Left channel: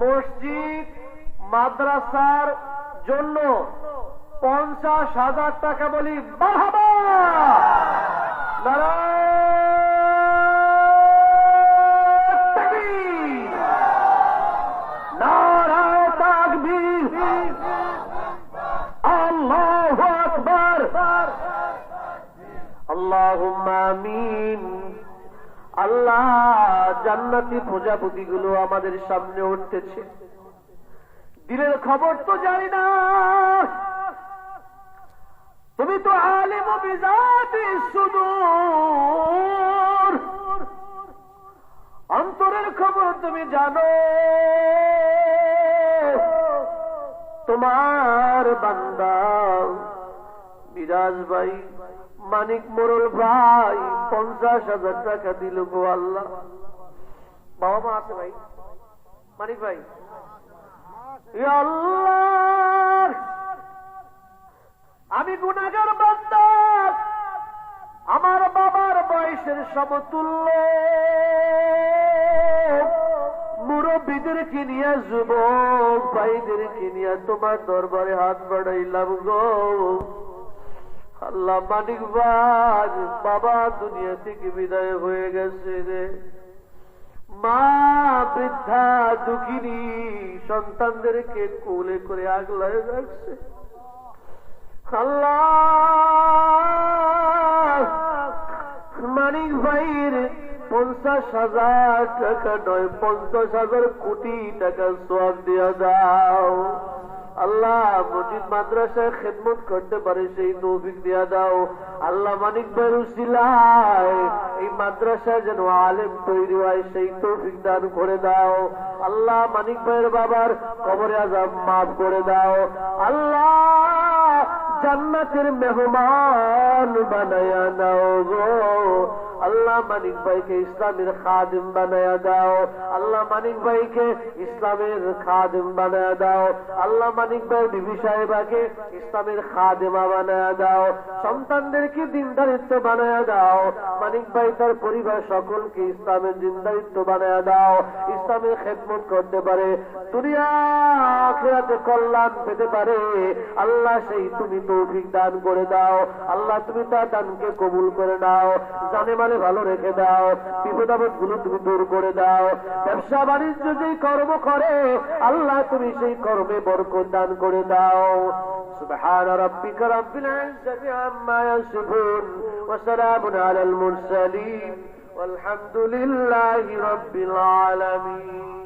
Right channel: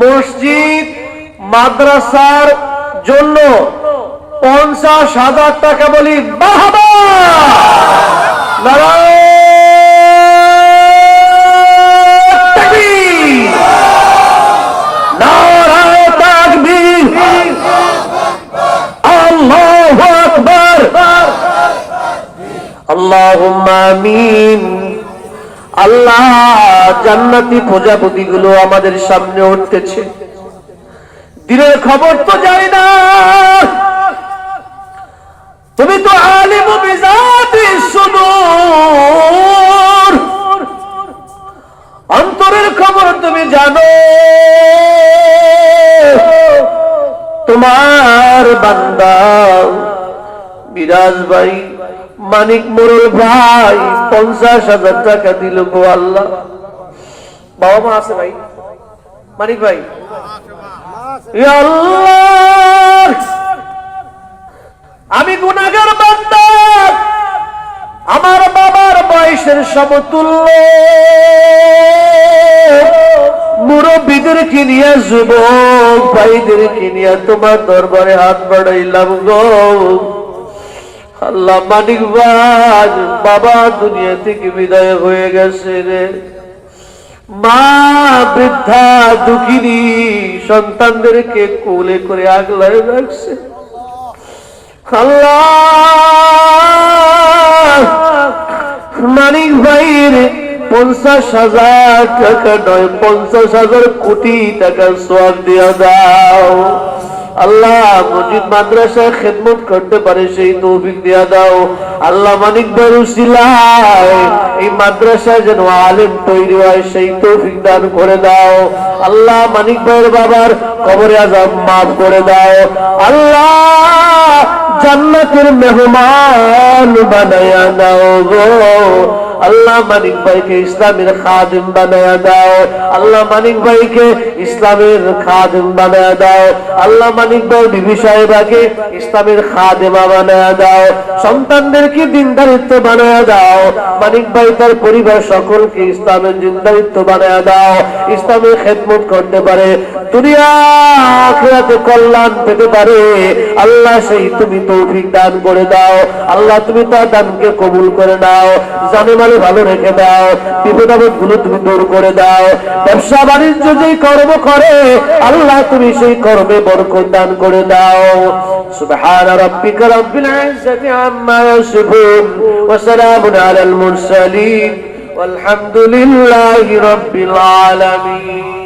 মসজিদ মাদ্রাসার জন্য পঞ্চাশ হাজার টাকা বলি বাহাবা তাকবীর! আল্লাহু জান্নাতি প্রজাপতি গুলো আমাদের সামনে উঠতেছে। দিনের খবর তো যাই না। তুমি তো আলিম অন্তরের খবর তুমি জানো। তোমার বান্দা বিরাজ ভাই, মানিক মোরল ভাই, পঞ্চাশ হাজার টাকা দিল গো আল্লাহ। বাবা মা আছে ভাই? মানিক ভাই? আমি গুনাগার বান্দা। আমার বাবার বয়সের সমতুল্য। মুরব্বীদেরকে নিয়ে, যুবক ভাইদেরকে নিয়ে তোমার দরবারে হাত বাড়াইলাম গো। আল্লাহ মানিক ভাই বাবা দুনিয়া থেকে বিদায় হয়ে গেছে রে। মা, বৃদ্ধা, দুঃখিনী, সন্তানদেরকে কোলে করে আগলায় রাখছে। আল্লাহ মানিক ভাইয়ের পঞ্চাশ হাজার টাকা নয়, পঞ্চাশ হাজার কোটি টাকা সব দিয়ে দাও। আল্লাহ মসজিদ মাদ্রাসা খেদমত করতে পারে, সেই তৌফিক দিয়া দাও। আল্লাহ মানিক বেরুসিলায় এই মাদ্রাসা যেন আলেম তৈরি হয়, সেই তৌফিক দান করে দাও। আল্লাহ মানিক ভাইয়ের বাবার কবরে আজাব মাফ করে দাও। আল্লাহ জান্নাতের মেহমান বানায়া দাও গো। আল্লাহ মানিক ভাইকে ইসলামের খাদিম বানায়া দাও। আল্লাহ মানিক ভাইকে ইসলামের খাদিম বানায়া দাও। আল্লাহ মানিক ভাই বিবি সাহেবাকে ইসলামের খাদেমা বানায়া দাও। সন্তানদেরকে দিনদারিত্ব বানায়া দাও। মানিক ভাই তার পরিবার সকলকে ইসলামের দিনদারিত্ব বানায়া দাও। ইসলামের খেদমত করতে পারে। দুনিয়া আখিরাতে কল্যাণ পেতে পারে আল্লাহ সেই তুমি তৌফিক দান করে দাও আল্লাহ তুমি তার দানকে কবুল করে দাও জানে মানে ভালো রেখে দাও বিপদ আপদ গুলো তুমি দূর করে দাও ব্যবসা বাণিজ্য যেই কর্ম করে আল্লাহ তুমি সেই কর্মে বরকত দান করে দাও سبحان ربك رب العزة عما يصفون وسلام على المرسلين والحمد لله رب العالمين